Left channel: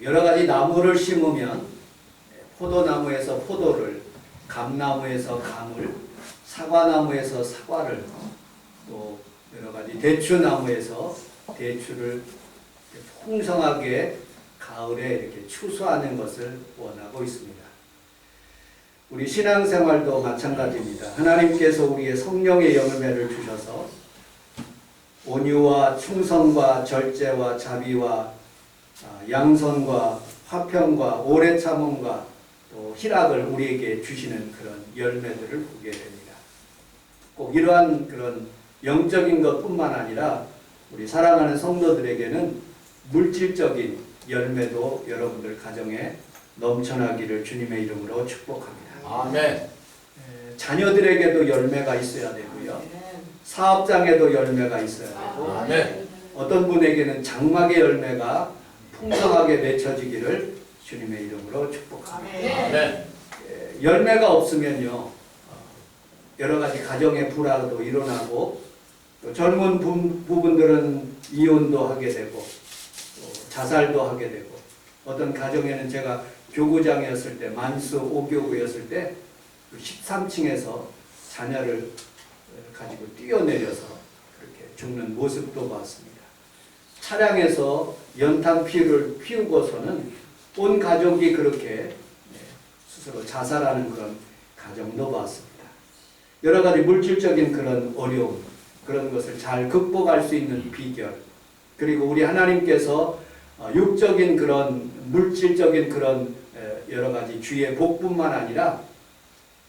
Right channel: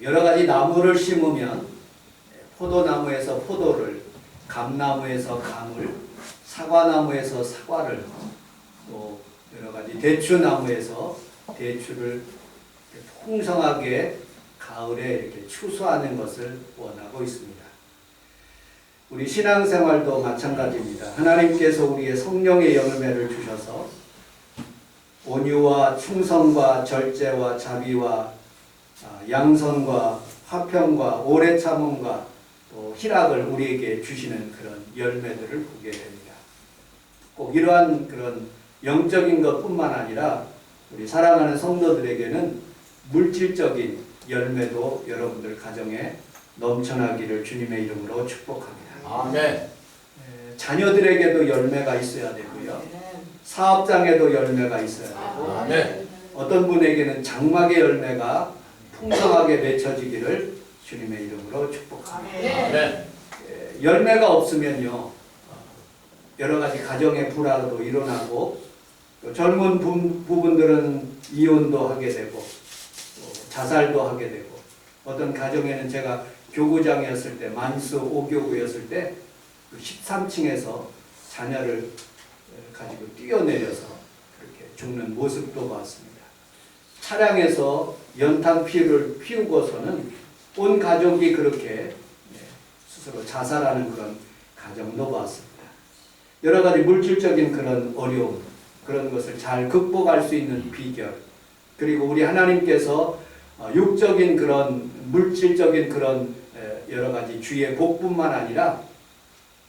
여러 가지 나무를 심으면 포도나무에서 포도를, 감나무에서 감을, 사과나무에서 사과를, 또 여러 가지 대추나무에서 대추를 풍성하게 가을에 이렇게 추수하는 것을 원하고 있습니다. 우리 신앙생활도 마찬가지입니다. 하나님께서 우리의 성령의 열매를 주셔서 온유와 충성과 절제와 자비와 양선과 화평과 오래 참음과 또 희락을 우리에게 주시는 그런 열매들을 보게 됩니다. 꼭 이러한 그런 영적인 것뿐만 아니라 우리 사랑하는 성도들에게는 물질적인 열매도 여러분들 가정에 넘쳐나기를 주님의 이름으로 축복합니다. 아멘. 자녀들에게도 열매가 있어야 되고요. 사업장에도 열매가 있어야 되고, 아멘. 어떤 분에게는 장막의 열매가 풍성하게 맺혀지기를 주님의 이름으로 축복합니다. 아멘. 열매가 없으면요, 여러 가지 가정의 불화도 일어나고, 또 젊은 부분들은 이혼도 하게 되고, 또 자살도 하게 되고, 어떤 가정에는 제가 교구장이었을 때, 만수 5교구였을 때 13층에서 자녀를 가지고 뛰어내려서 그렇게 죽는 모습도 봤습니다. 차량에서 연탄 피를 피우고서는 온 가족이 그렇게 스스로 자살하는 그런 가정도 봤습니다. 여러 가지 물질적인 그런 어려움, 그런 것을 잘 극복할 수 있는 비결, 그리고 우리 하나님께서 육적인 그런 물질적인 그런 여러 가지 주의 복뿐만 아니라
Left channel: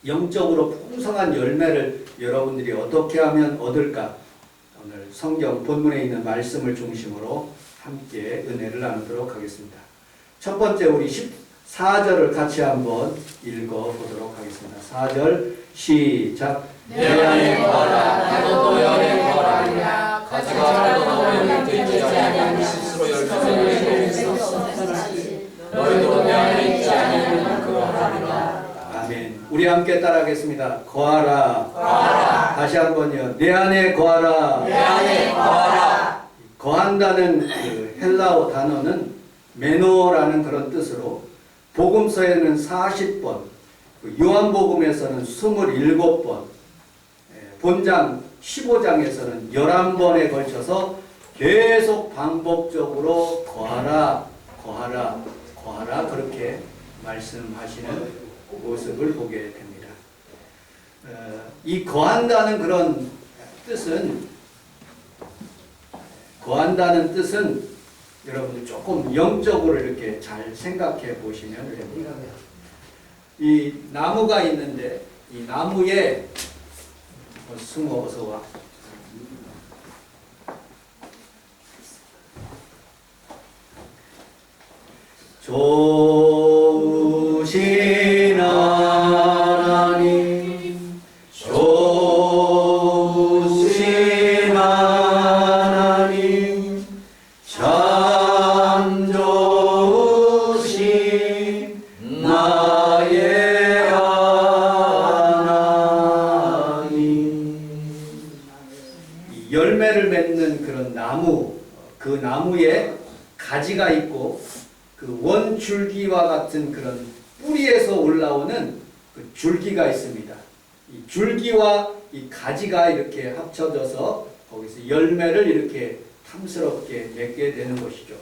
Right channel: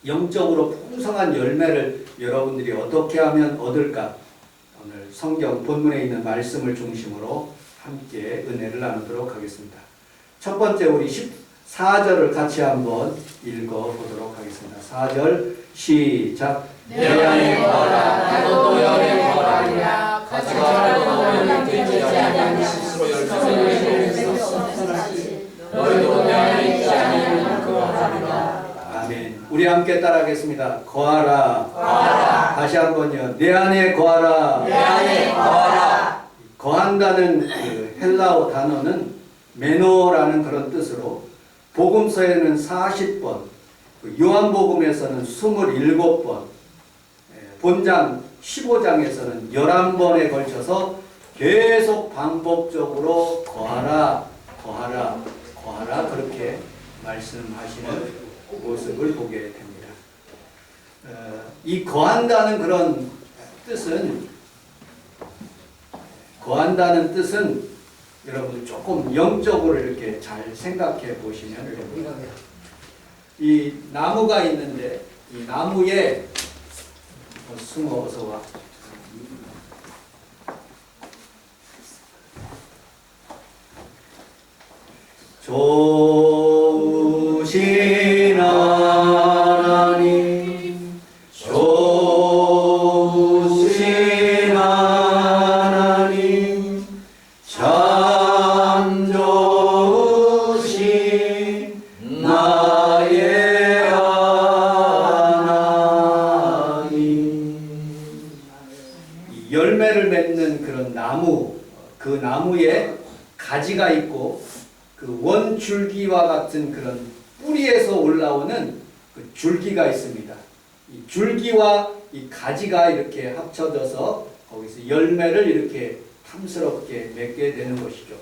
영적으로 풍성한 열매를 여러분들이 어떻게 하면 얻을까? 오늘 성경 본문에 있는 말씀을 중심으로 함께 은혜를 나누도록 하겠습니다. 첫 번째 우리 14절을 같이 한번 읽어보도록 하겠습니다. 4절 시작. 내 안에 거하라 너도 내 안에 거하라 가져가라도 너희를 되지 아니하니 스스로 열심히 너희도 내 안에 있지 아니하면 거하리라. 아멘. 우리 함께 따라하겠습니다. 거하라. 거하라. 다시 한번요. 내 안에 거하라. 내 안에 거하라. 거한다는 그 헬라어 단어는 메노라는 그런 뜻으로 복음서에는 40번, 요한복음에서는 27번, 본장 15장에서는 11번에 걸쳐서 계속 반복적으로 거하라, 거하라, 거하라 그렇게 말씀하시는 모습을 보게 됩니다. 이 거한다는 그런 뜻은 여러분들 조금 영적으로 이렇게 잘 생각해 보시면 됩니다. 이 나무가 있는데 이 나무에 숭어 어서 와. 좋으신 하나님, 좋으신 하나님, 참 좋으신 나의 하나님. 이 열매를 맺는 그런 나무, 그 나무에 가지가 있고 그 원줄기와 같은 그런 뿌리에서 올라오는 그 줄기가 있습니다. 이 줄기와 이 가지가 이렇게 합쳐져서 거기서 열매를 이렇게 탐스럽게 맺게 되는 것이죠.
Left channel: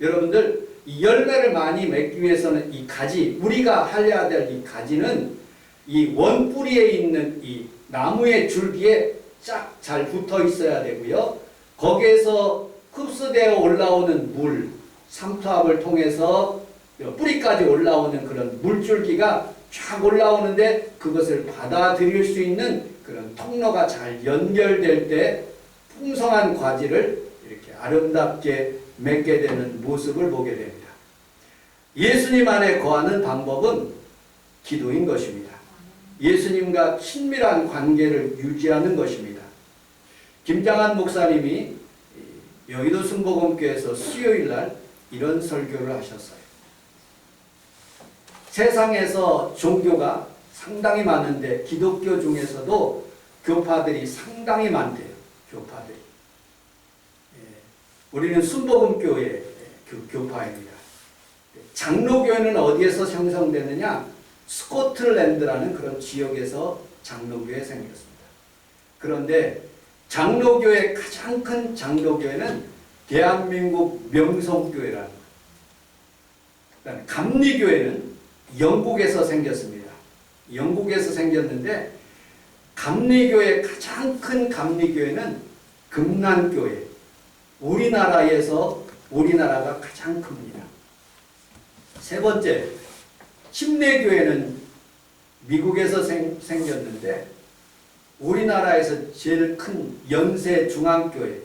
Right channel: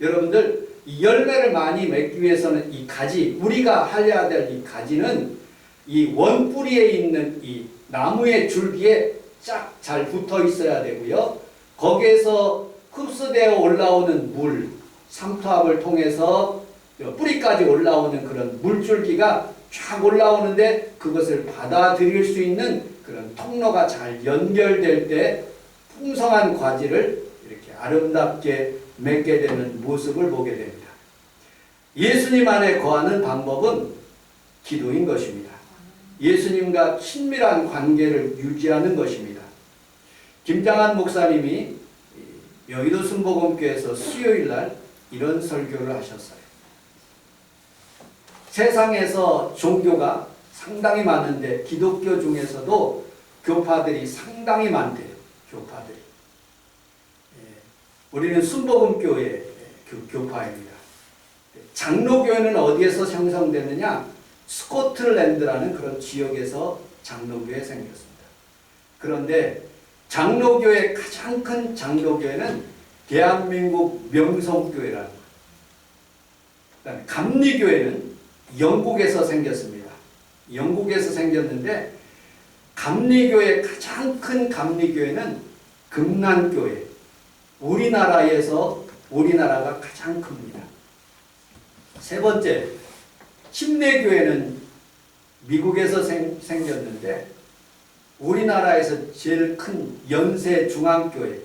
여러분들 이 열매를 많이 맺기 위해서는 이 가지, 우리가 할려야 될 이 가지는 이 원뿌리에 있는 이 나무의 줄기에 쫙 잘 붙어 있어야 되고요. 거기에서 흡수되어 올라오는 물, 삼투압을 통해서 뿌리까지 올라오는 그런 물줄기가 쫙 올라오는데 그것을 받아들일 수 있는 그런 통로가 잘 연결될 때 풍성한 과지를 이렇게 아름답게 맺게 되는 모습을 보게 됩니다. 예수님 안에 거하는 방법은 기도인 것입니다. 예수님과 친밀한 관계를 유지하는 것입니다. 김장한 목사님이 여의도 순복음교회에서 수요일날 이런 설교를 하셨어요. 세상에서 종교가 상당히 많은데 기독교 중에서도 교파들이 상당히 많대요. 교파들이. 우리는 순복음교회 교파입니다. 장로교회는 어디에서 형성되느냐? 스코틀랜드라는 그런 지역에서 장로교회 생겼습니다. 그런데 장로교회 가장 큰 장로교회는 대한민국 명성교회라는 거예요. 그다음에 감리교회는 영국에서 생겼습니다. 영국에서 생겼는데 감리교회 가장 큰 감리교회는 금난교회. 우리나라가 가장 큽니다. 세 번째, 침례교회는 미국에서 생겼는데 우리나라에서 제일 큰 연세중앙교회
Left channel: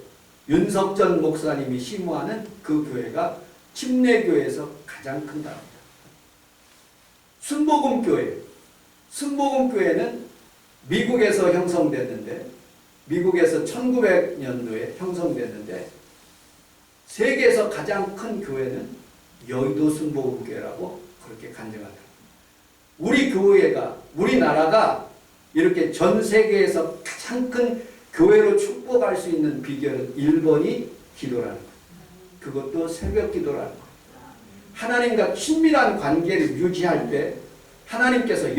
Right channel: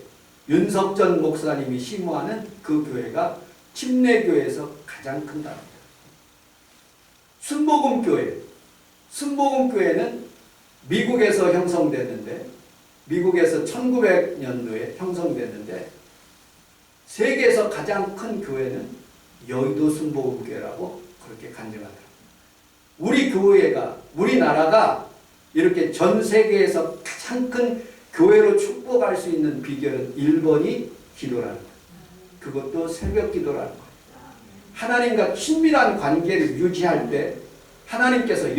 윤석전 목사님이 심호하는 그 교회가 침례교회에서 가장 큰다. 순복음교회는 미국에서 형성됐는데 미국에서 1900년도에 형성됐는데 세계에서 가장 큰 교회는 여의도 순복음교회라고 그렇게 간증하더라고요. 우리나라가 이렇게 전 세계에서 가장 큰 교회로 축복할 수 있는 비결은 1번이 기도라는 거예요. 그것도 새벽 기도라는 거예요. 하나님과 친밀한 관계를 유지할 때 하나님께서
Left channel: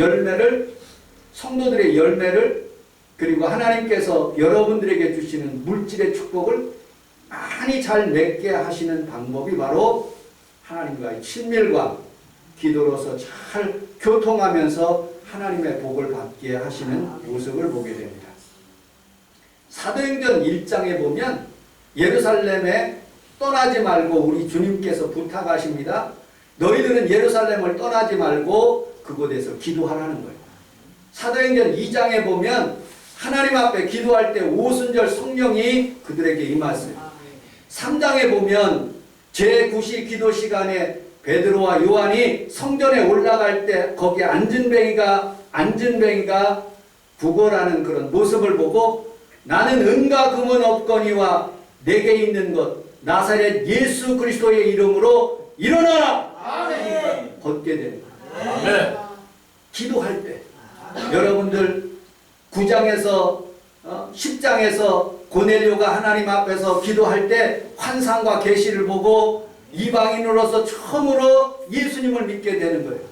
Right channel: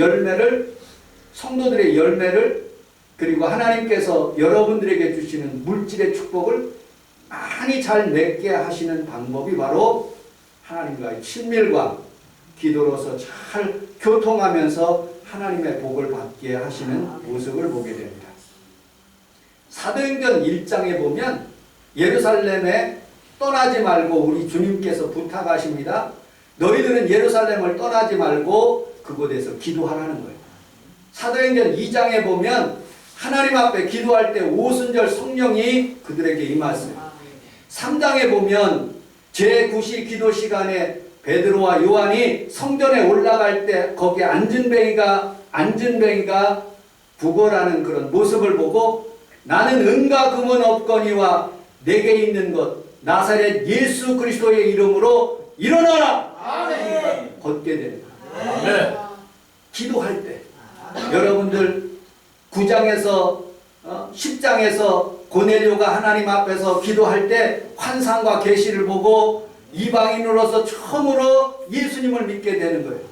성도들의 열매를 그리고 하나님께서 여러분들에게 주시는 물질의 축복을 많이 잘 맺게 하시는 방법이 바로 하나님과의 친밀과 기도로서 잘 교통하면서 하나님의 복을 받게 하시는 모습을 보게 됩니다. 사도행전 1장에 보면 예루살렘에 떠나지 말고 우리 주님께서 부탁하십니다. 너희들은 예루살렘을 떠나지 말고 그곳에서 기도하라는 거예요. 사도행전 2장에 보면 하나님 앞에 기도할 때 오순절 성령이 그들에게 임하였어요. 3장에 보면 제9시 기도 시간에 베드로와 요한이 성전에 올라갈 때 거기에 앉은뱅이가 구걸하는 그런 모습을 보고 나는 은과 금은 없거니와 내게 있는 것 나사렛 예수 그리스도의 이름으로 일어나라! 아멘. 걷게 됩니다. 아멘. 기도할 때 여러분들 9장에서 10장에서 고넬료가 하나님 앞에서 기도할 때 환상과 계시를 보고 이방인으로서 처음으로 예수님을 믿게 되는 거예요.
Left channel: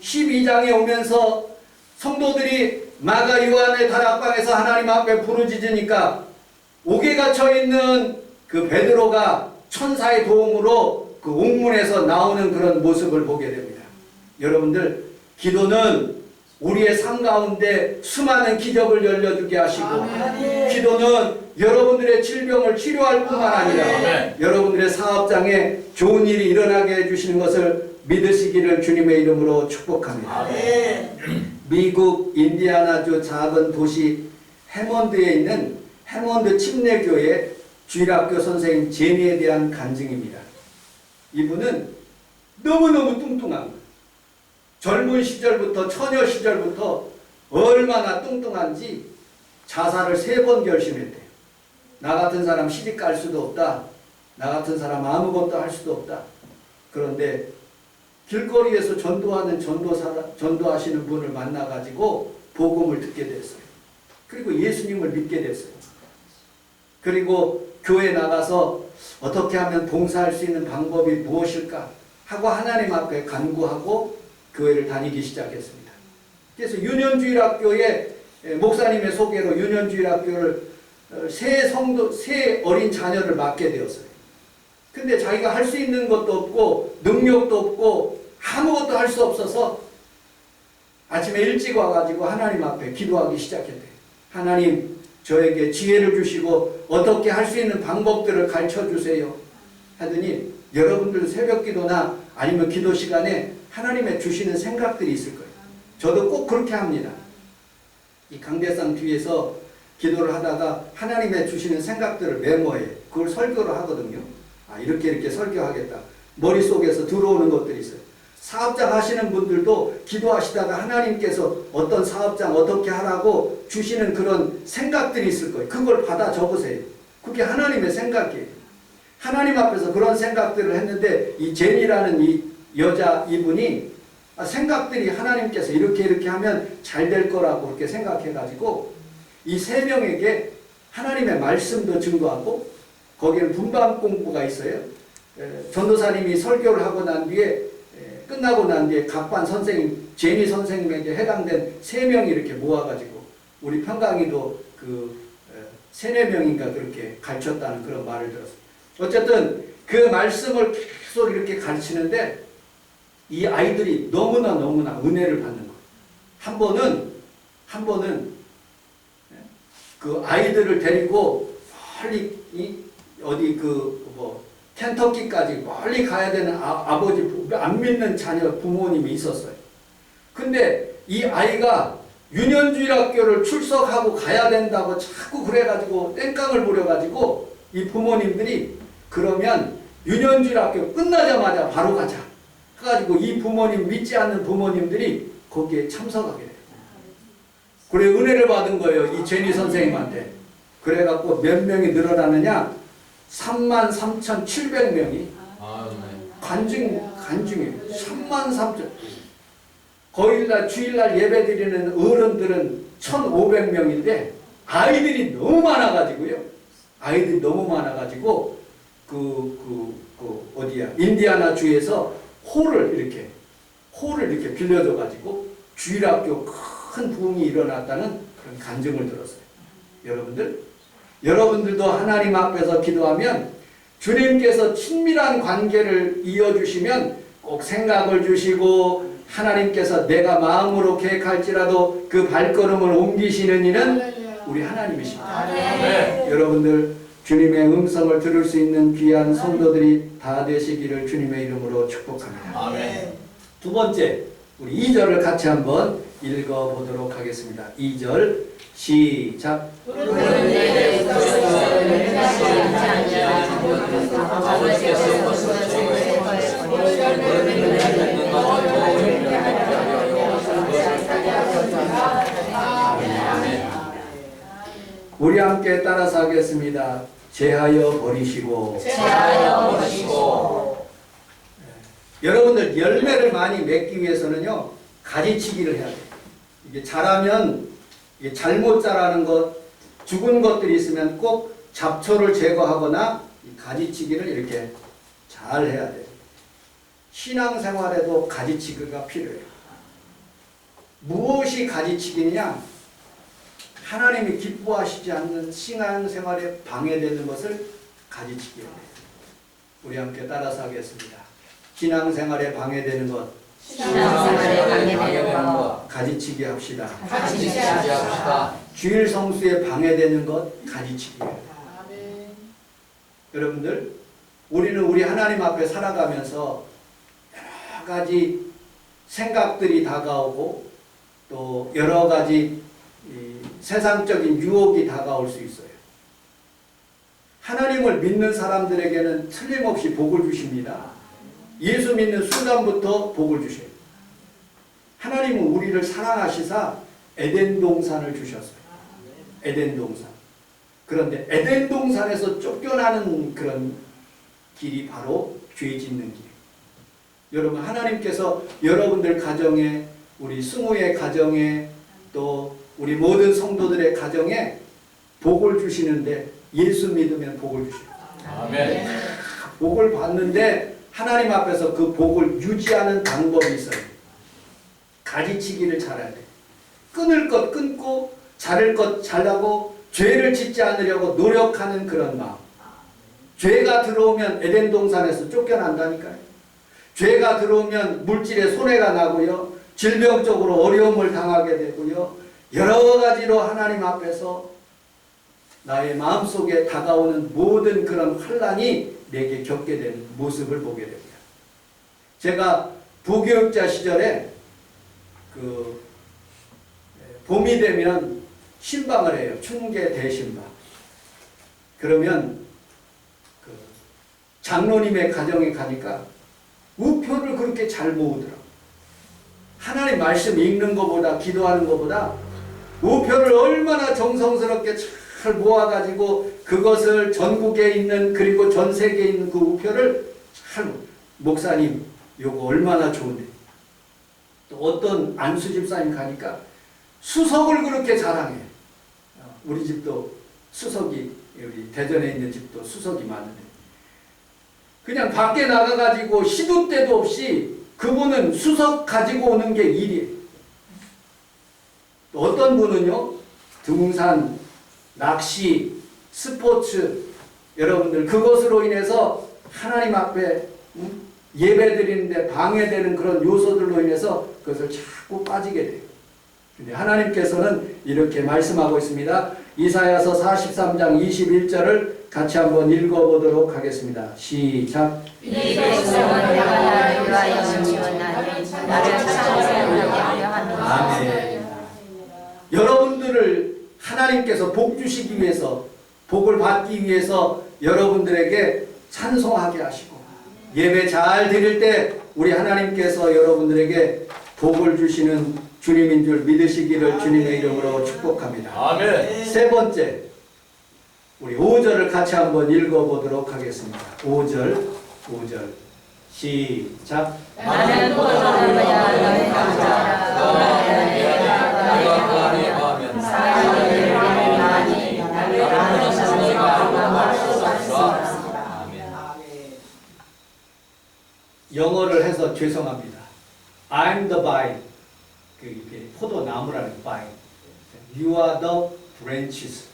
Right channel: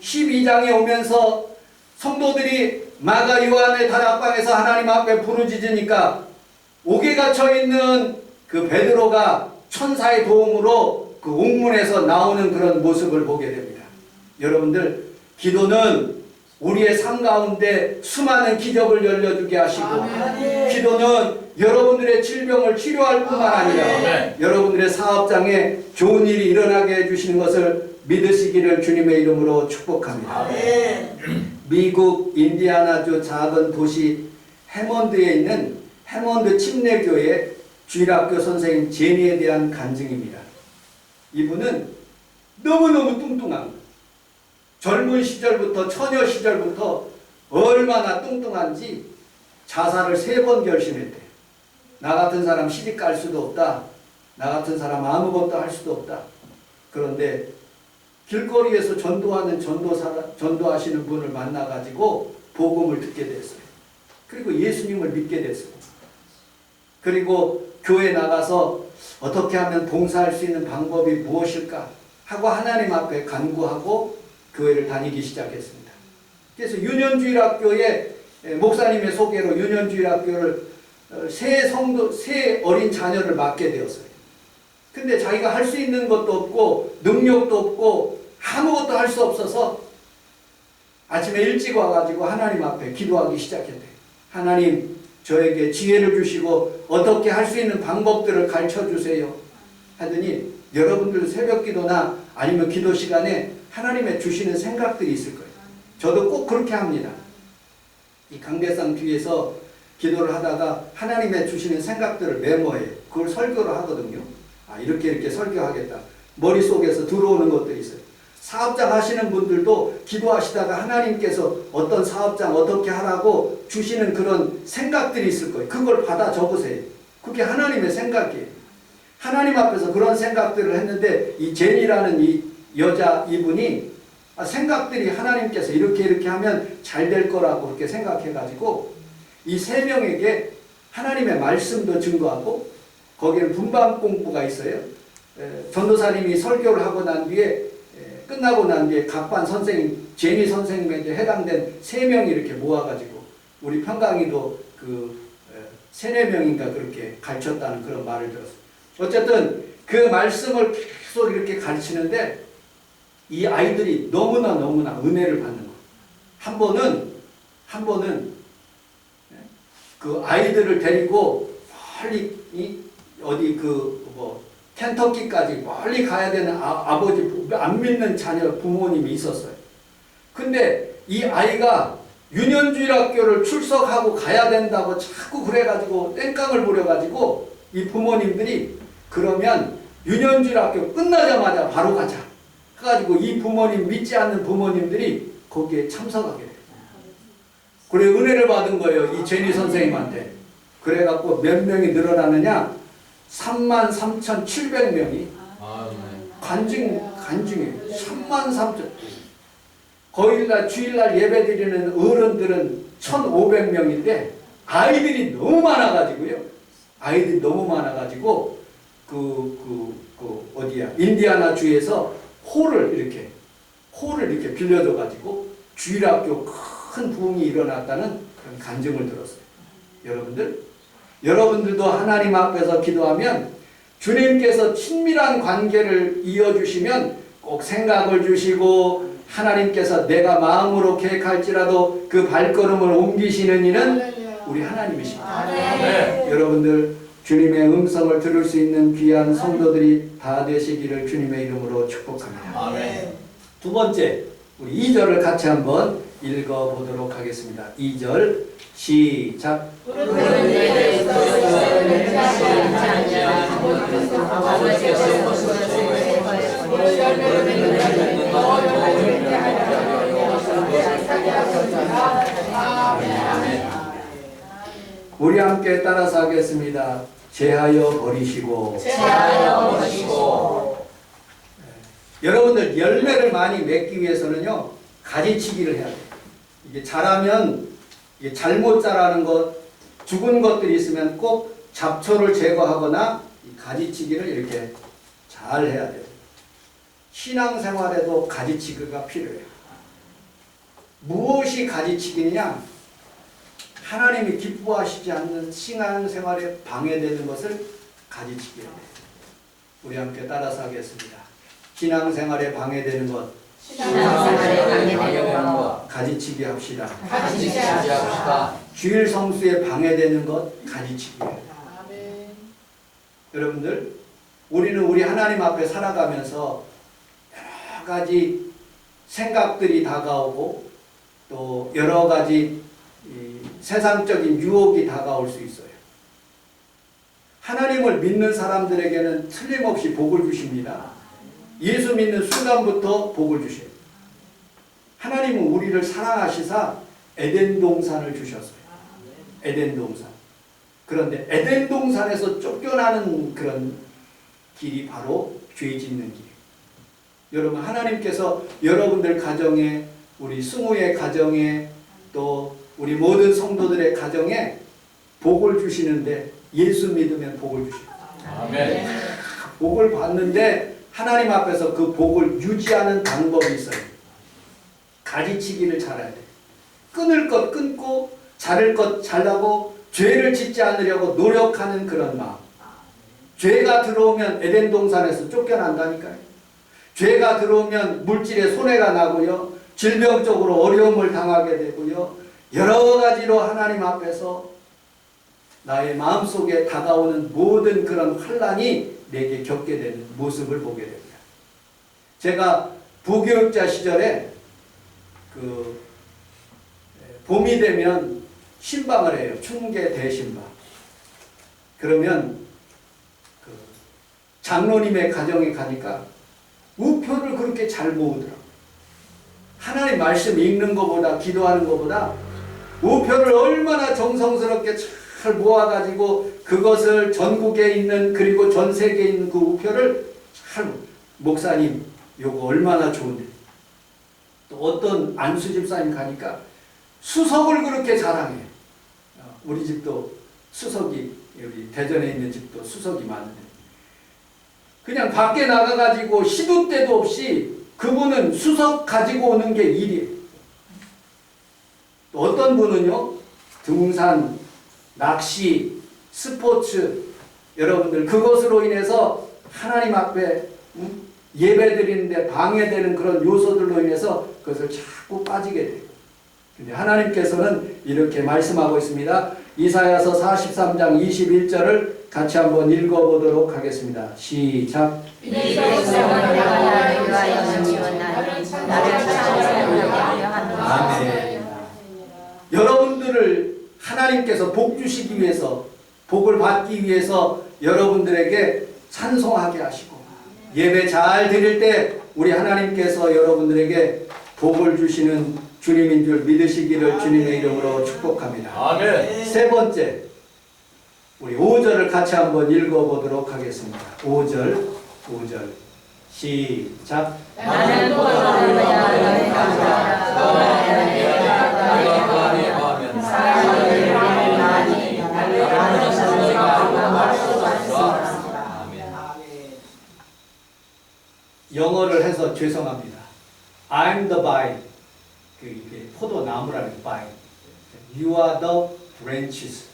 12장에 오면서 성도들이 마가 요한의 다락방에서 하나님 앞에 부르짖으니까 옥에 갇혀 있는 그 베드로가 천사의 도움으로 그 옥문에서 나오는 그런 모습을 보게 됩니다. 여러분들 기도는 우리의 삶 가운데 수많은 기적을 열려주게 하시고 기도는 여러분들의 질병을 치료할 뿐만 아니라 여러분들의 사업장에 좋은 일이 일어나게 해주시는 것을 믿으시기를 주님의 이름으로 축복합니다. 미국 인디아나주 작은 도시 해몬드에 있는 해몬드 침례교회 주일학교 선생님 제니에 대한 간증입니다. 이분은 너무너무 뚱뚱한 거예요. 젊은 시절부터 처녀 시절부터 얼마나 뚱뚱한지 자살을 3번 결심했대요. 나 같은 사람 시집 갈 수도 없다. 나 같은 사람 아무것도 할 수도 없다. 그런데 길거리에서 전도하시는 분을 만나가지고 복음을 듣게 됐어요. 그리고 예수님을 믿게 됐어요. 그리고 교회 나가서 어떻게 하면 봉사할 수 있는 방법이 무엇일까 하고 하나님 앞에 간구하고 교회를 다니기 시작했습니다. 그래서 유년주일학교에 목사님의 소개로 유년주일학교를 세 어린 자녀를 맡게 되었어요. 근데 자기가 할 수 있는 것도 없고 능력도 없고 아무것도 할 수 없어서 아침에 일찍 와가지고 하나님 앞에 기도하기 시작했대요. 하나님 저에게 지혜를 주시고 어떻게 할 수 있는 방법들을 가르쳐 주세요 하더니 여러분들 새벽 기도나 아니면 기도 시간에 하나님의 주시는 생각들이 있을 거예요. 저도 꼭 그렇게 합니다. 이 강대상 뒤에서 기도를 하다가 하나님의 주시는 생각들을 메모해요. 그걸 설교를 하거든요. 이렇게 설교하겠다. 머릿속에서 들어오는 것들이 있어요. 사업장 하시는 분들도 기도하시다가 하나님께서 어떤 사업장 어떻게 하라고 주시는 그런 생각들이 있을 거예요. 그걸 받아 적으세요. 그게 하나님의 생각이에요. 하나님 앞에서 그런 생각들을 했는데 이 제니라는 이 여자 이분이 생각들이 하나님께서 이렇게 하면 잘 될 거라고 그렇게 생각해가지고 이 3명에게 하나님의 말씀도 증거하고 거기에는 분방 공부가 있어요. 전도사님이 설교를 하고 난 뒤에 끝나고 난 뒤에 각반 선생님, 제니 선생님에게 해당된 3명이 이렇게 모아가지고 우리 평강이도 그 3-4명인가 그렇게 가르쳤다는 그런 말을 들었어요. 어쨌든 그 말씀을 계속 이렇게 가르치는데 이 아이들이 너무나 은혜를 받는 거예요. 한 번은 그 아이들을 데리고 멀리 어디 켄터키까지 멀리 가야 되는 아버지 안 믿는 자녀 부모님이 있었어요. 근데 이 아이가 유년주일 학교를 출석하고 가야 된다고 자꾸 그래가지고 땡깡을 부려가지고 이 부모님들이 그러면 유년주일 학교 끝나자마자 바로 가자 해가지고 이 부모님 믿지 않는 부모님들이 거기에 참석하게 돼요. 그래 은혜를 받은 거예요. 이 제니 선생님한테. 그래갖고 몇 명이 늘어나느냐 33,700명이 간증이에요. 33,000. 거일날 주일날 예배드리는 어른들은 1,500명인데 아이들이 너무 많아가지고요. 아이들이 너무 많아가지고 어디야 인디아나 주에서 홀을 이렇게 빌려줘가지고 주일학교 큰 부흥이 일어났다는 그런 간증을 들었어요. 여러분들도 하나님 앞에서 기도하면 주님께서 친밀한 관계를 이어주시면 꼭 생각을 주시고 하나님께서 내가 마음으로 계획할지라도 그 발걸음을 옮기시는 이는 우리 하나님이십니다. 네. 여러분들 주님의 음성을 들을 수 있는 귀한 성도들이 다 되시기를 주님의 이름으로 축복합니다. 아멘. 두 번째, 우리 2절을 같이 한번 읽어보도록 하겠습니다. 2절 시작. 우리 함께 따라서 하겠습니다. 제하여 버리시고. 여러분들 열매를 많이 맺기 위해서는요 가지치기를 해야 돼요. 이게 자라면 이게 잘못 자라는 것, 죽은 것들이 있으면 꼭 잡초를 제거하거나 이 가지치기를 이렇게 잘 해야 돼요. 신앙생활에도 가지치기가 필요해요. 무엇이 가지치기냐? 하나님이 기뻐하시지 않는 신앙생활에 방해되는 것을 가지치기해야 돼요. 우리 함께 따라서 하겠습니다. 신앙생활에 방해되는 것, 가지치기 합시다. 주일 성수에 방해되는 것 가지치기예요. 여러분들, 우리는 우리 하나님 앞에 살아가면서 여러 가지 생각들이 다가오고 또 여러 가지 세상적인 유혹이 다가올 수 있어요. 하나님을 믿는 사람들에게는 틀림없이 복을 주십니다. 예수 믿는 순간부터 복을 주셔요. 하나님은 우리를 사랑하시사 에덴 동산을 주셨어요. 에덴 동산. 그런데 에덴 동산에서 쫓겨나는 그런 길이 바로 죄 짓는 길이에요. 여러분, 하나님께서 여러분들 가정에, 우리 승우의 가정에, 또 우리 모든 성도들의 가정에 복을 주시는데 예수 믿으면 복을 주셔요. 아멘. 복을 받는데 하나님 앞에서 그 복을 유지하는 방법이 있어요. 가지치기를 잘해야 돼. 끊을 것 끊고 자를 것 잘라고 죄를 짓지 않으려고 노력하는 그런 마음. 죄가 들어오면 에덴 동산에서 쫓겨난다니까요. 죄가 들어오면 물질에 손해가 나고요. 질병적으로 어려움을 당하게 되고요. 여러 가지로 하나님 앞에서 나의 마음속에 다가오는 모든 그런 환난이 내게 겪게 되는 모습을 보게 됩니다. 제가 부교육자 시절에 봄이 되면 신방을 해요. 춘계 대신방. 그러면 장로님의 가정에 가니까 우표를 그렇게 잘 모으더라고요. 하나님 말씀 읽는 것보다, 기도하는 것보다 우표를 얼마나 정성스럽게 잘 모아가지고 그것을 전국에 있는, 그리고 전 세계에 있는 그 우표를 잘, 목사님 요거 얼마나 좋은데. 또 어떤 안수 집사님 가니까 수석을 그렇게 자랑해요. 우리 집도 수석이, 우리 대전에 있는 집도 수석이 많은데 그냥 밖에 나가가지고 시도 때도 없이 그분은 수석 가지고 오는 게 일이에요. 또 어떤 분은요, 등산, 낚시, 스포츠, 여러분들 그것으로 인해서 하나님 앞에 예배 드리는데 방해되는 그런 요소들로 인해서 그것을 자꾸 빠지게 돼요. 근데 하나님께서는 이렇게 말씀하고 있습니다. 이사야서 43장 21절을 같이 한번 읽어보도록 하겠습니다. 시작. 이 백성은 내가 나를 위하여 지었나니 나를 찬송하며 하노라. 아멘. 여러분들을 하나님께서 복 주시기 위해서, 복을 받기 위해서 여러분들에게 찬송하게 하시고, 예배 잘 드릴 때 우리 하나님께서 여러분들에게 복을 주시는 주님인 줄 믿으시기를 주님의 이름으로 축복합니다. 아멘. 세 번째, 우리 5절을 같이 한번 읽어보도록 하겠습니다. 5절 시작. 나는 포도나무야 너의 감자라 너는 내가 그 안에 거하면 사람을 많이 나를 아는 자가 말할 수 없어. 영어를 해서 죄송합니다. I'm the vine. 이게 포도나무라는 vine. You are the branches.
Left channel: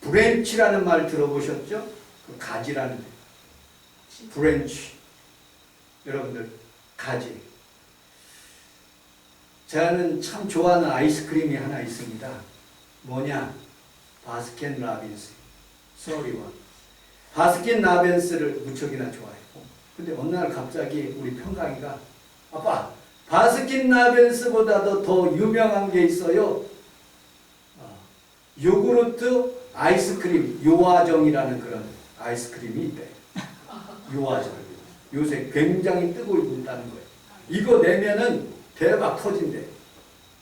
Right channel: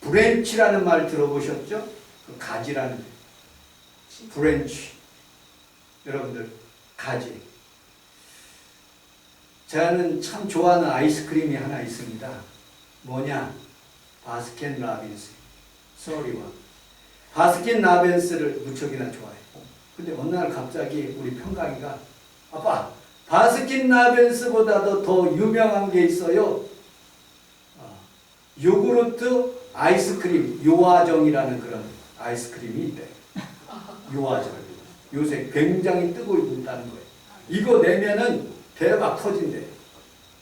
브랜치라는 말 들어보셨죠? 그 가지라는 데. 브랜치. 여러분들 가지. 저는 참 좋아하는 아이스크림이 하나 있습니다. 뭐냐? 바스킨 라빈스. 소리원. 바스킨 라빈스를 무척이나 좋아해요. 근데 어느 날 갑자기 우리 평강이가 아빠, 바스킨 라빈스보다도 더 유명한 게 있어요. 요구르트 아이스크림 요아정이라는 그런 아이스크림이 있대. 요아정. 요새 굉장히 뜨고 있다는 거예요. 이거 내면은 대박 터진대.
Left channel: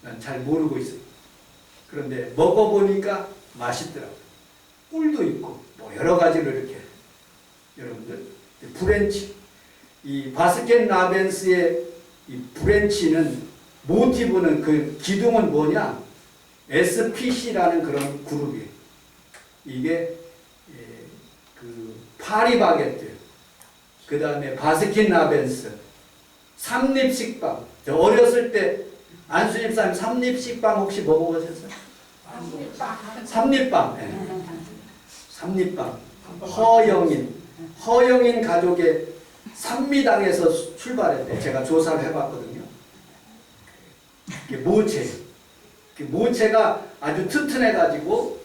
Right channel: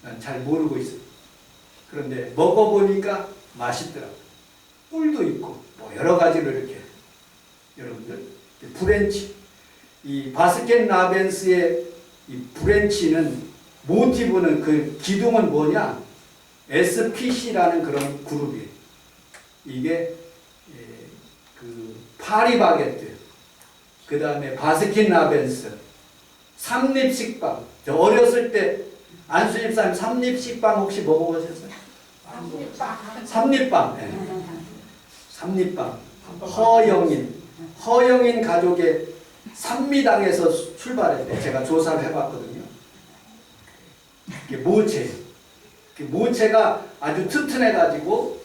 난 잘 모르고 있어요. 그런데 먹어보니까 맛있더라고요. 꿀도 있고 뭐 여러 가지로 이렇게. 여러분들 브랜치. 이 바스킨 라빈스의 이 브랜치는 모티브는 그 기둥은 뭐냐? SPC라는 그런 그룹이에요. 이게 그 파리바게뜨, 그 다음에 바스킨 라빈스, 삼립식빵. 저 어렸을 때 안수집사님 삼립식빵 혹시 먹어보셨어요? 삼립빵. 네. 삼립빵. 허영인 가족의 산미당에서 출발했대. 제가 조사를 해봤거든요. 이게 모체예요. 그 모체가 아주 튼튼해가지고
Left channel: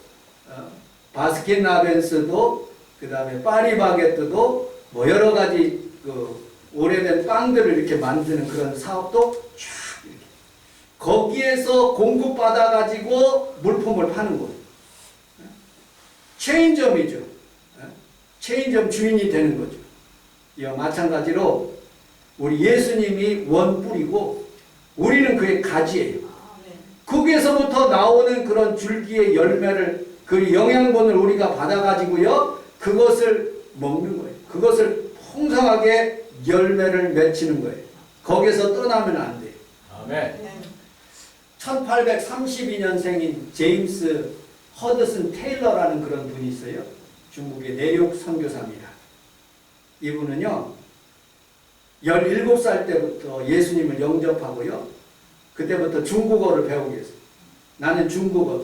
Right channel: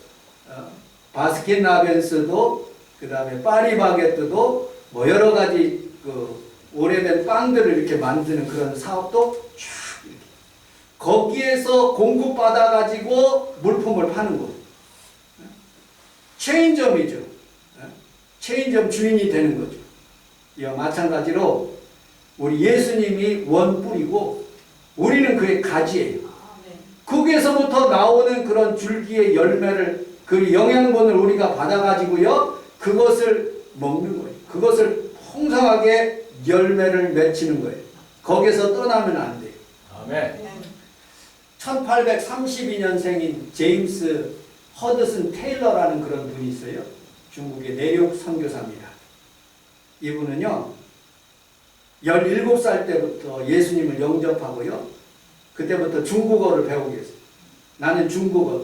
바스킨 라빈스도 그 다음에 파리바게뜨도 뭐 여러 가지 그 오래된 빵들을 이렇게 만드는 그런 사업도 쫙 이렇게 거기에서 공급받아가지고 물품을 파는 거예요. 체인점이죠. 체인점 주인이 되는 거죠. 이와 마찬가지로 우리 예수님이 원뿔이고 우리는 그의 가지예요. 거기에서부터 나오는 그런 줄기의 열매를 그 영양분을 우리가 받아가지고요 그것을 먹는 거예요. 그것을 풍성하게 열매를 맺히는 거예요. 거기서 떠나면 안 돼요. 아멘. 1832년생인 제임스 허드슨 테일러라는 그런 분이 있어요. 중국의 내륙 선교사입니다. 이분은요 17살 때부터 예수님을 영접하고요 그때부터 중국어를 배우게 했어요. 나는 중국어,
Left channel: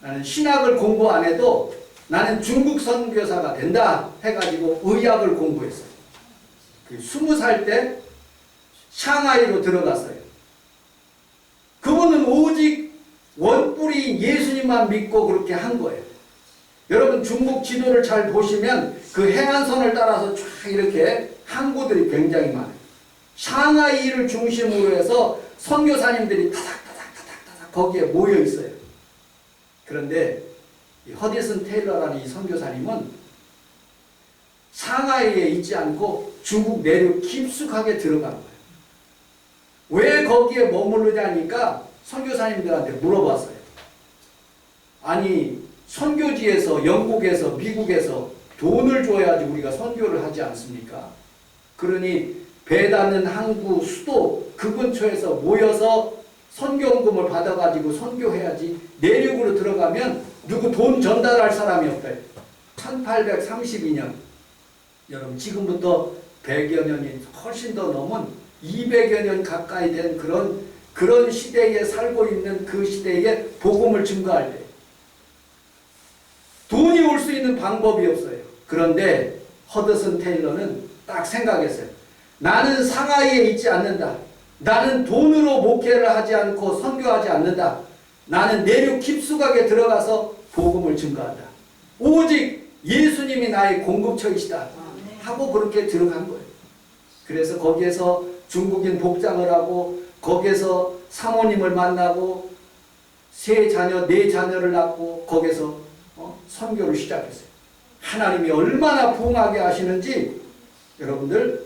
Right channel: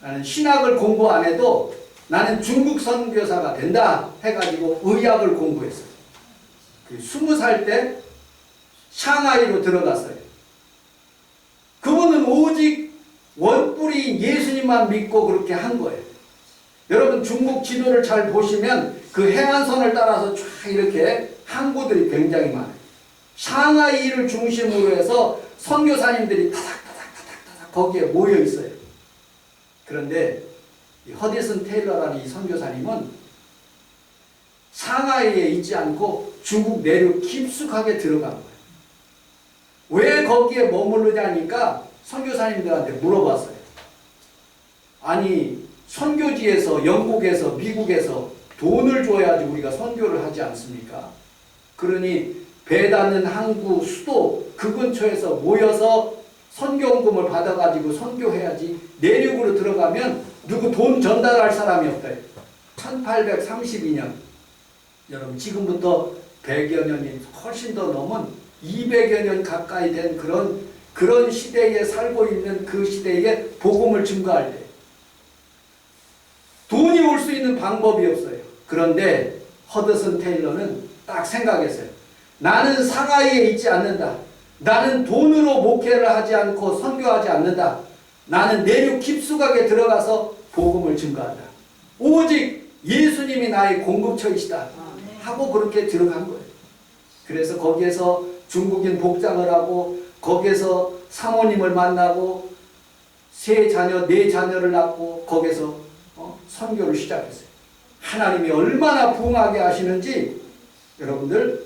나는 신학을 공부 안 해도 나는 중국 선교사가 된다 해가지고 의학을 공부했어요. 그 20살 때 샹하이로 들어갔어요. 그분은 오직 원뿔이 예수님만 믿고 그렇게 한 거예요. 여러분 중국 지도를 잘 보시면 그 해안선을 따라서 쫙 이렇게 항구들이 굉장히 많아요. 샹하이를 중심으로 해서 선교사님들이 타닥타닥 거기에 모여 있어요. 그런데 이 허디슨 테일러라는 이 선교사님은 상하이에 있지 않고 중국 내륙 깊숙하게 들어간 거예요. 왜 거기에 머무르냐니까 선교사님들한테 물어봤어요. 아니 선교지에서 영국에서 미국에서 돈을 줘야지 우리가 선교를 하지 않습니까? 그러니 배 닿는 항구 수도 그 근처에서 모여서 선교원금을 받아가지고 선교해야지 내륙으로 들어가면 누구 돈 전달할 사람이 없대요. 1832년 여러분 지금부터 100여 년이 훨씬 더 넘은 200여 년 가까이 된 그런 시대에 살고 있는 그 시대에 복음을 증거할 때 돈이 올 수 있는 방법이 없어요. 그런데 허드슨 테일러는 딱 생각했어요. 나는 상하이에 있지 않는다. 나는 돈으로 목회를 하지 않고 선교하지 않는다. 나는 내륙 깊숙하게 들어가서 복음을 증거한다. 오직 예수님이 나의 공급처이시다 하고 그렇게 들어간 거예요. 그래서 거기에서 중국인 복장을 하고 거기에서 사모님을 만나고 세 자녀, 네 자녀를 낳고 거기에서 선교를 시작했어요. 하나님이 얼마나 부흥하게 하시는지 여러분들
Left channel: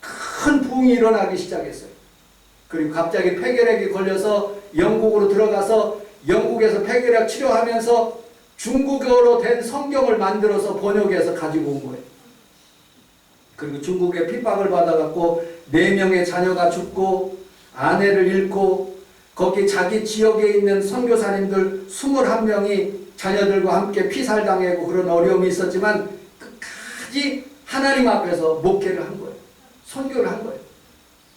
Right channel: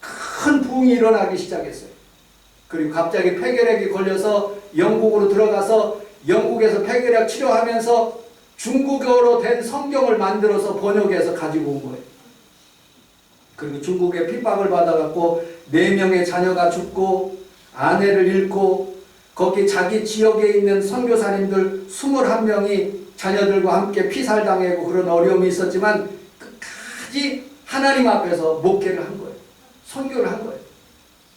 큰 부흥이 일어나기 시작했어요. 그리고 갑자기 폐결핵이 걸려서 영국으로 들어가서 영국에서 폐결핵 치료하면서 중국어로 된 성경을 만들어서 번역해서 가지고 온 거예요. 그리고 중국에 핍박을 받아갖고 4명의 자녀가 죽고 아내를 잃고 거기 자기 지역에 있는 선교사님들 21명이 자녀들과 함께 피살당하고 그런 어려움이 있었지만 끝까지 하나님 앞에서 목회를 한 거예요. 선교를 한 거예요.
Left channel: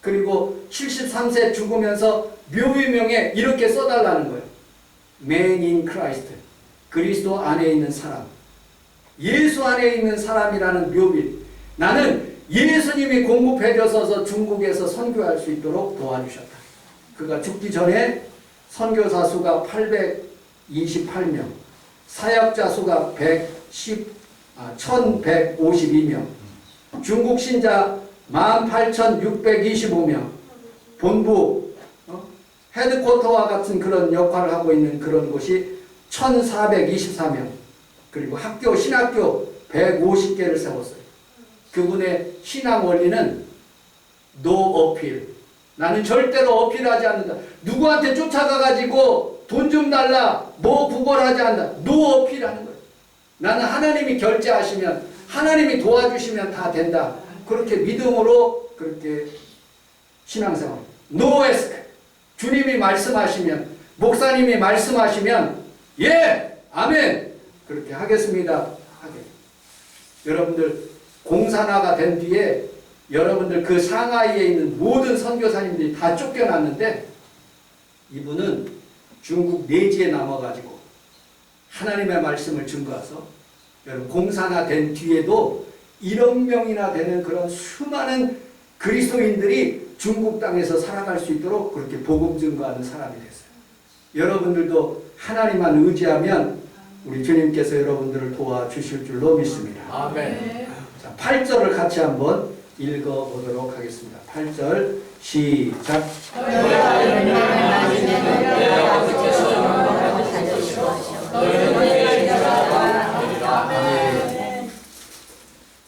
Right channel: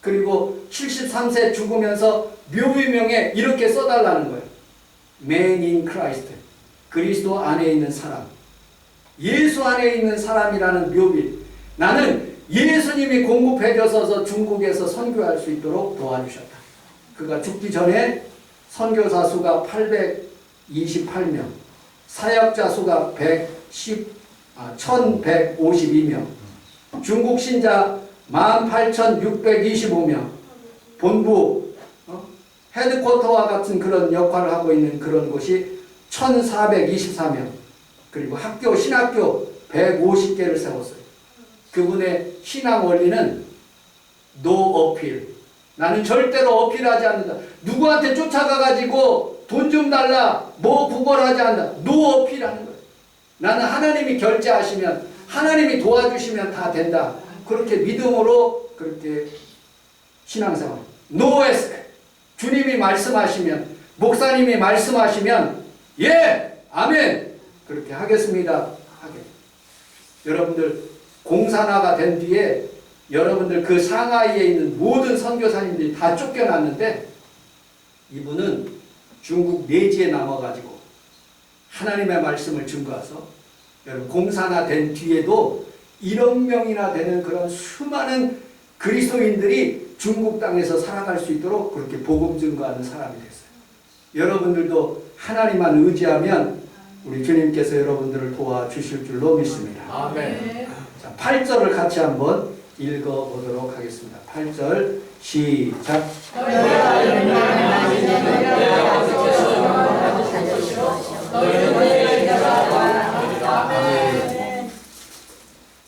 그리고 73세 죽으면서 묘비명에 이렇게 써달라는 거예요. Man in Christ. 그리스도 안에 있는 사람. 예수 안에 있는 사람이라는 묘비. 나는 예수님이 공급해줘서 중국에서 선교할 수 있도록 도와주셨다. 그가 죽기 전에 선교사 수가 828명, 사역자 수가 1152명, 중국 신자 18,625명, 본부, 헤드쿼터와 같은 그런 역할을 하고 있는 그런 곳이 1,424명, 그리고 학교, 신학교 150개를 세웠어요. 그분의 신앙 원리는 no 어필. 나는 절대로 어필하지 않는다. 누구한테 쫓아가가지고 돈 좀 달라, 뭐 구걸하지 않는다. no 어필하는 거예요. 나는 하나님이 결제하시면, 하나님이 도와주시면 다 된다. 그렇게 믿음으로 그렇게 신앙생활. no ask. 주님이 말씀하시면, 목사님이 말씀하시면 예, 아멘. 그렇게 하겠습니다. 하게. 여러분들 공산화가 된 뒤에 여러분들 그 상하이에 있는 모든 선교사님들이 다 쫓겨났는데 이분은 중국 내지에 남아가지고 하나님의 말씀을 증거해서 여러분 공산화된 뒤에도 1억 명이나 되는 그런 수많은 그리스도인들이 중국 땅에서 살아갈 수 있도록 그렇게 복음 증거하는 사람이 됐어요. 여러분들도 하나님만 의지하면 우리 주님께서 여러분들을 도와주실 줄로 믿습니다. 아멘. 자, 8절을 같이 한번 읽어보도록 하겠습니다. 8절 시작.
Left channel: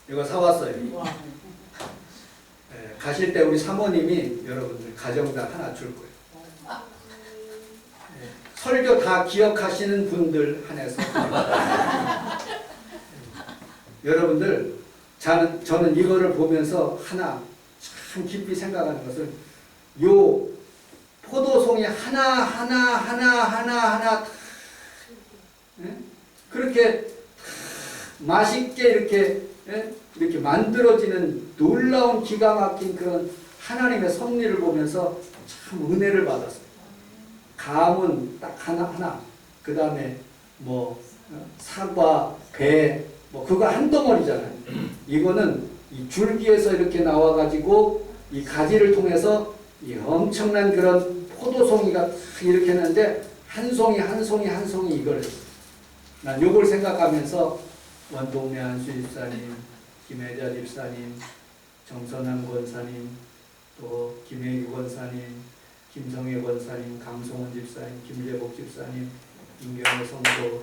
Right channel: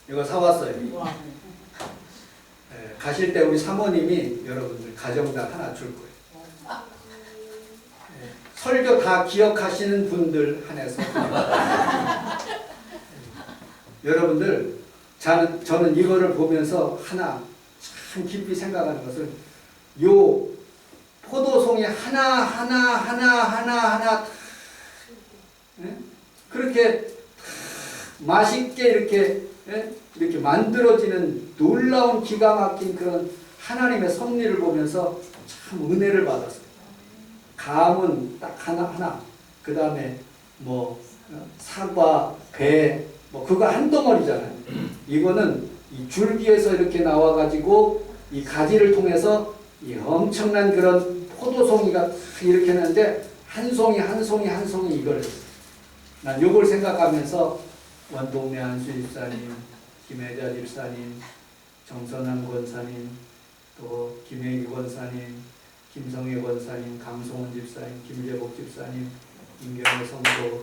이거 사왔어요. 네, 가실 때 우리 사모님이 여러분들 가정당 하나 줄 거예요. 네, 설교 다 기억하시는 분들 한해서 여러분들 저는 이거를 보면서 하나 참 깊이 생각하는 것은 요 포도송이 하나 그렇게 맛있게 이렇게 만들어지는 놀라운 기가 막힌 그런 하나님의 섭리를 보면서 참 은혜를 받았어요. 감은 딱 하나 그 다음에 뭐 사과, 배 뭐 그거 한 덩어리잖아요. 이거는 이 줄기에서 이렇게 나와가지고 이 가지를 통해서 이 엄청난 그런 포도송이가 이렇게 했는데 한 송이 이걸 난 요걸 생각하면서 원동네 한수 집사님, 김혜자 집사님, 정선남 권사님, 또 김혜기 권사님, 김성애 권사님, 강성훈 집사님, 김재복 집사님, 임경호 성도,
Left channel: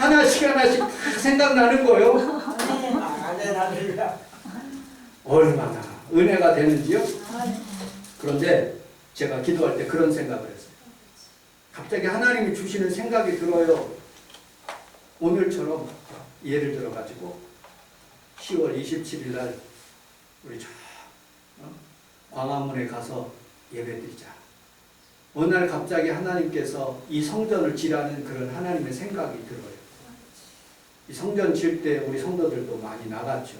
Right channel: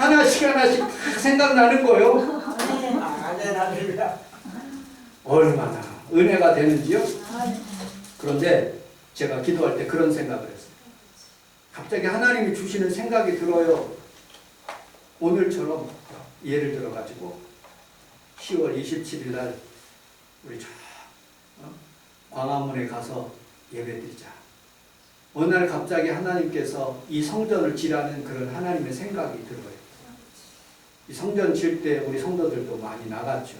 하나씩 다 생각나는 거예요. 얼마나 은혜가 되는지요. 그런데 제가 기도할 때 그런 생각을 했어요. 갑자기 하나님이 주시는 생각이 들어요. 오늘처럼 예를 들어가지고 10월 27일 날 우리 저 광화문에 가서 예배드리자. 어느 날 갑자기 하나님께서 이 성전을 지라는 그런 하나님의 생각이 들어요. 이 성전 질 때 우리 성도들도 많이 나갔죠.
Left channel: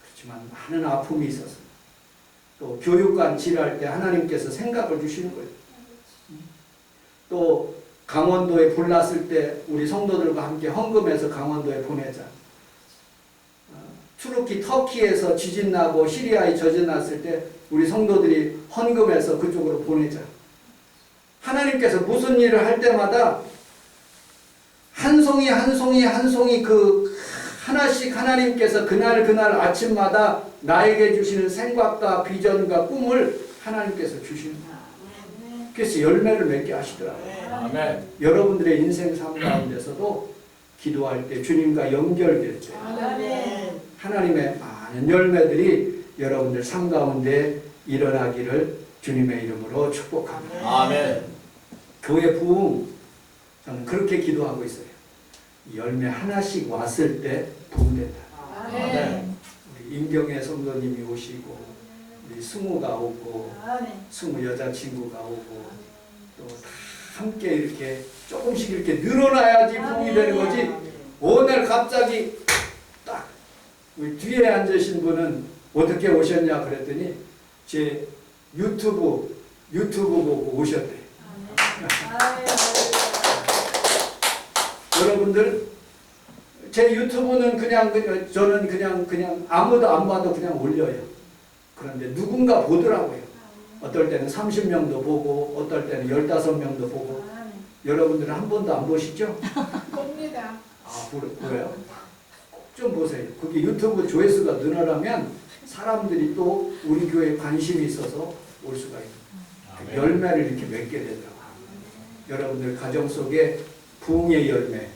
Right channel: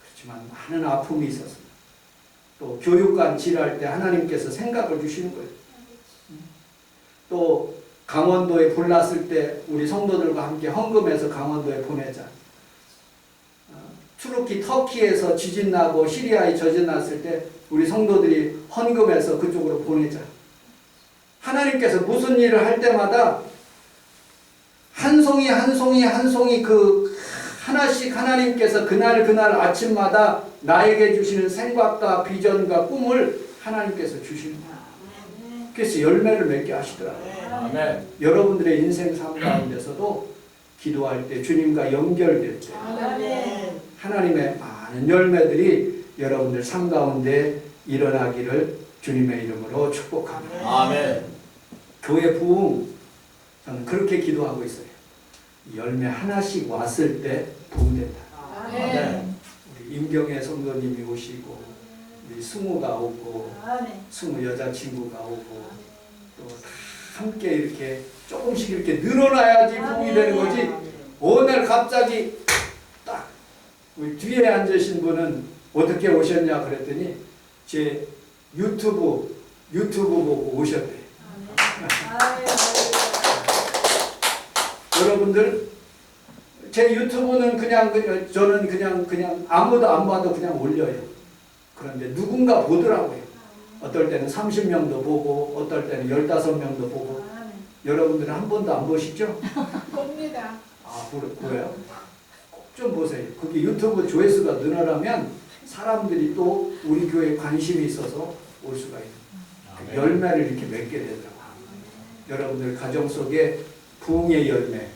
그렇지만 많은 아픔이 있었습니다. 또 교육관 지랄 때 하나님께서 생각을 주시는 거예요. 또 강원도에 불 났을 때 우리 성도들과 함께 헌금해서 강원도에 보내자. 투르키 터키에서 지진 나고 시리아에 저진 났을 때 우리 성도들이 헌금해서 그쪽으로 보내자. 하나님께서 무슨 일을 할 때마다 한 송이 한 송이 한 송이 그 하나씩 하나님께서 그날 아침마다 나에게 주시는 생각과 비전과 꿈을 하나님께서 주시는 거예요. 그래서 열매를 맺게 하시더라고요. 아멘. 여러분들의 인생 삶 가운데서도 기도할 때 주님과 연결될 때 하나님의 많은 열매들이 여러분들 삶 가운데 일어나기를 주님의 이름으로 축복합니다. 아멘. 교회 부흥 저는 그렇게 기도하고 있어요. 열매 하나씩 왔을 때 부흥된다. 아멘. 우리 임경애 성도님이 오시고 우리 승우가 오고 승우 여자친구가 오고 또 다 함께 이렇게 조금씩 이렇게 늘어나야지 부흥이 되는 거지. 오늘 갑자기 딱 우리 뒤에 앉으신 분은 어떻게 오셨냐 그랬더니 제 유튜브 보고 오셨대요. 여러분들 제 유튜브는 저는 그냥 아무도 안 봐도 그냥 올려요. 그런데 누군가 보더라고요. 어떨 때는 30명도 보고 어떨 때는 15명도 보고. 여러분들은 한 번도 안 보시죠? 봅니다. 아 그래요? 꼭 좀 보세요. 그게 유튜브 조회수가 늘어나면 사람들이 또 우리 교회에 관심이 있어서 올 수가 있는 열매를 이렇게 맺게 되더라고요. 여러분들 가정 속에 부흥의 열매,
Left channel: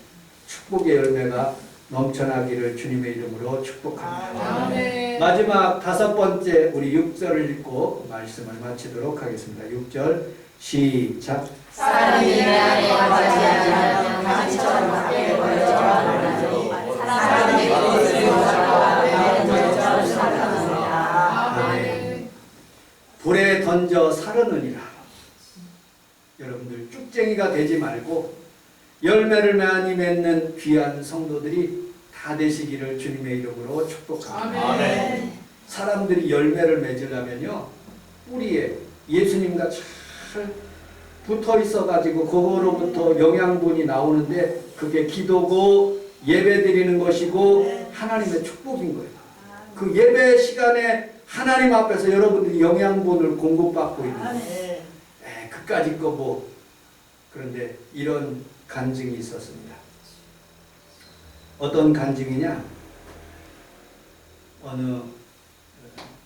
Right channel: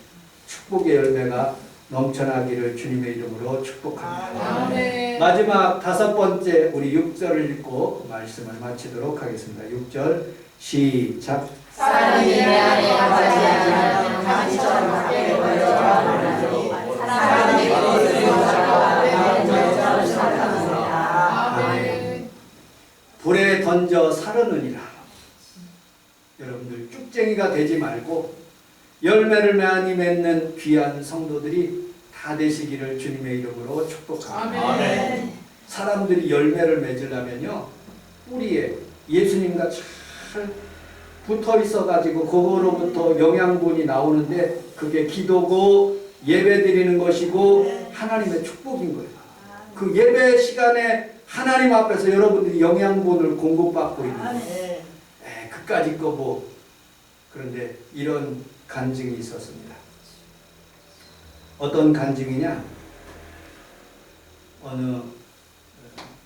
축복의 열매가 넘쳐나기를 주님의 이름으로 축복합니다. 아멘. 마지막 5번째 우리 6절을 읽고 말씀을 마치도록 하겠습니다. 6절 시작. 사람이 내 안에 거하지 않으면 가지처럼 밖에 벌어져 사람이 그것을 잡아 내 던져 살아납니다. 아멘. 불에 던져 사르느니라. 여러분들 쭉쟁이가 되지 말고 열매를 많이 맺는 귀한 성도들이 다 되시기를 주님의 이름으로 축복합니다. 아멘. 사람들이 열매를 맺으려면요 뿌리에 예수님과 잘 붙어 있어 가지고 그거로부터 영양분이 나오는데 그게 기도고 예배 드리는 것이고 하나님의 축복인 거예요. 그 예배 시간에 하나님 앞에서 여러분들이 영양분을 공급받고 있는 거예요. 그까짓 거 뭐. 그런데 이런 간증이 있었습니다. 어떤 간증이냐? 어느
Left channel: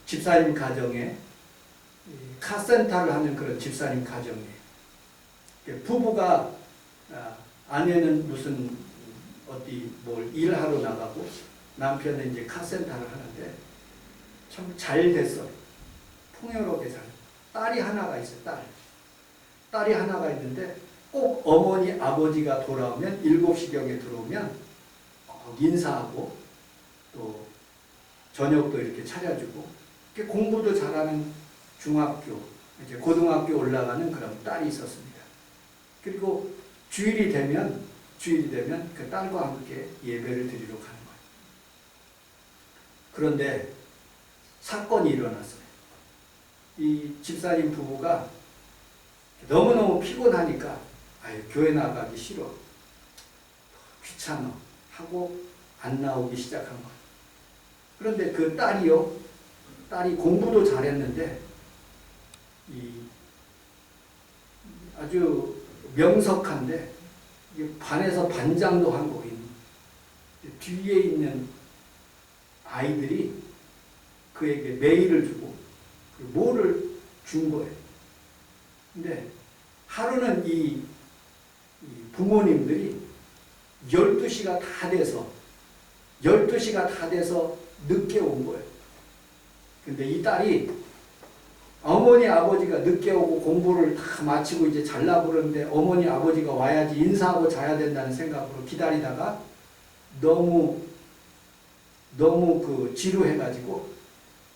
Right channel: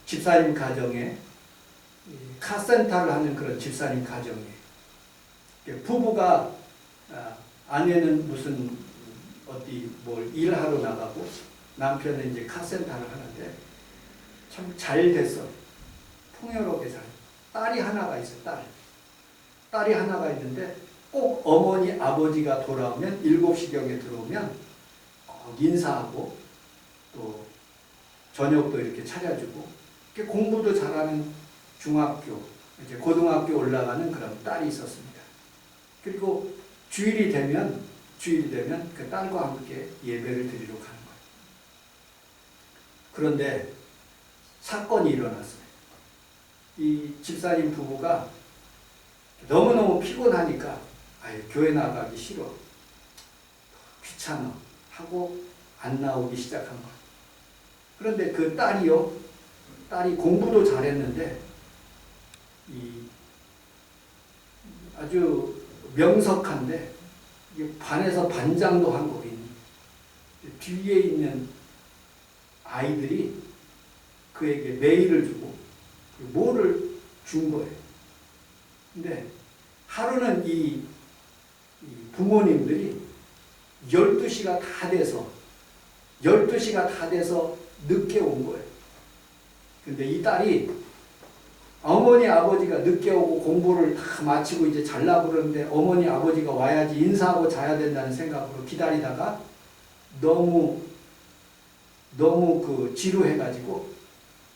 집사님 가정에 카센터를 하는 그런 집사님 가정이에요. 부부가 아내는 무슨 어디 뭘 일하러 나가고 남편은 이제 카센터를 하는데 참 잘 됐어요. 풍요롭게 잘. 딸이 하나가 있어요. 딸이 하나가 있는데 꼭 어머니 아버지가 돌아오면 7시경에 들어오면 인사하고 또 저녁도 이렇게 차려주고 이렇게 공부도 잘하는 중학교 이제 고등학교 올라가는 그런 딸이 있었습니다. 그리고 주일이 되면 그 딸과 함께 예배를 드리러 가는 거예요. 그런데 사건이 일어났어요. 이 집사님 부부가 너무너무 피곤하니까 교회 나가기 싫어, 귀찮아 하고 안 나오기 시작한 거예요. 그런데 그 딸이 공부도 잘했는데 아주 명석한데 반에서 반장도 한 거 있는 뒤에 있는 아이들이 그에게 메일을 주고 뭐를 준 거예요. 근데 하루는 이 부모님들이 12시가 다 돼서 늦게 온 거예요. 근데 이 딸이 어머니 아버지가 늦게 오고 공부를 다 마치고 이제 잘라고 그러는데 어머니 아버지가 와야지 인사하고 자야 된다는 생각으로 기다리다가 너무 그 지루해가지고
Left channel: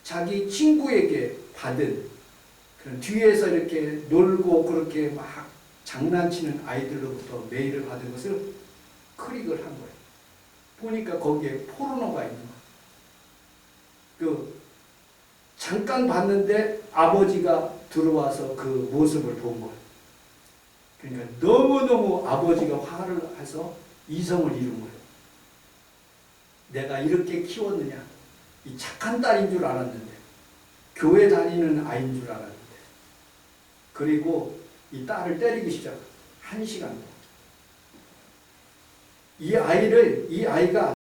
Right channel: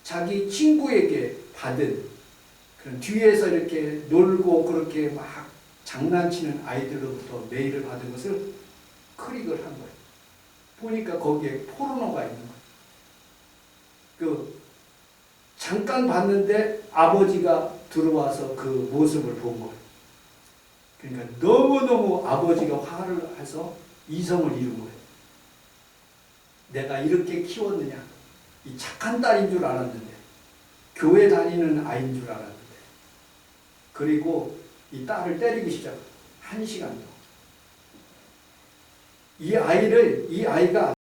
자기 친구에게 받은 그런 뒤에서 이렇게 놀고 그렇게 막 장난치는 아이들로부터 메일을 받은 것을 클릭을 한 거예요. 보니까 거기에 포르노가 있는 거예요. 그 잠깐 봤는데 아버지가 들어와서 그 모습을 본 거예요. 그러니까 너무너무 아버지가 화를 해서 이성을 잃은 거예요. 내가 이렇게 키웠느냐. 이 착한 딸인 줄 알았는데, 교회 다니는 아이인 줄 알았는데, 그리고 이 딸을 때리기 시작해요. 1시간 동안. 이 아이가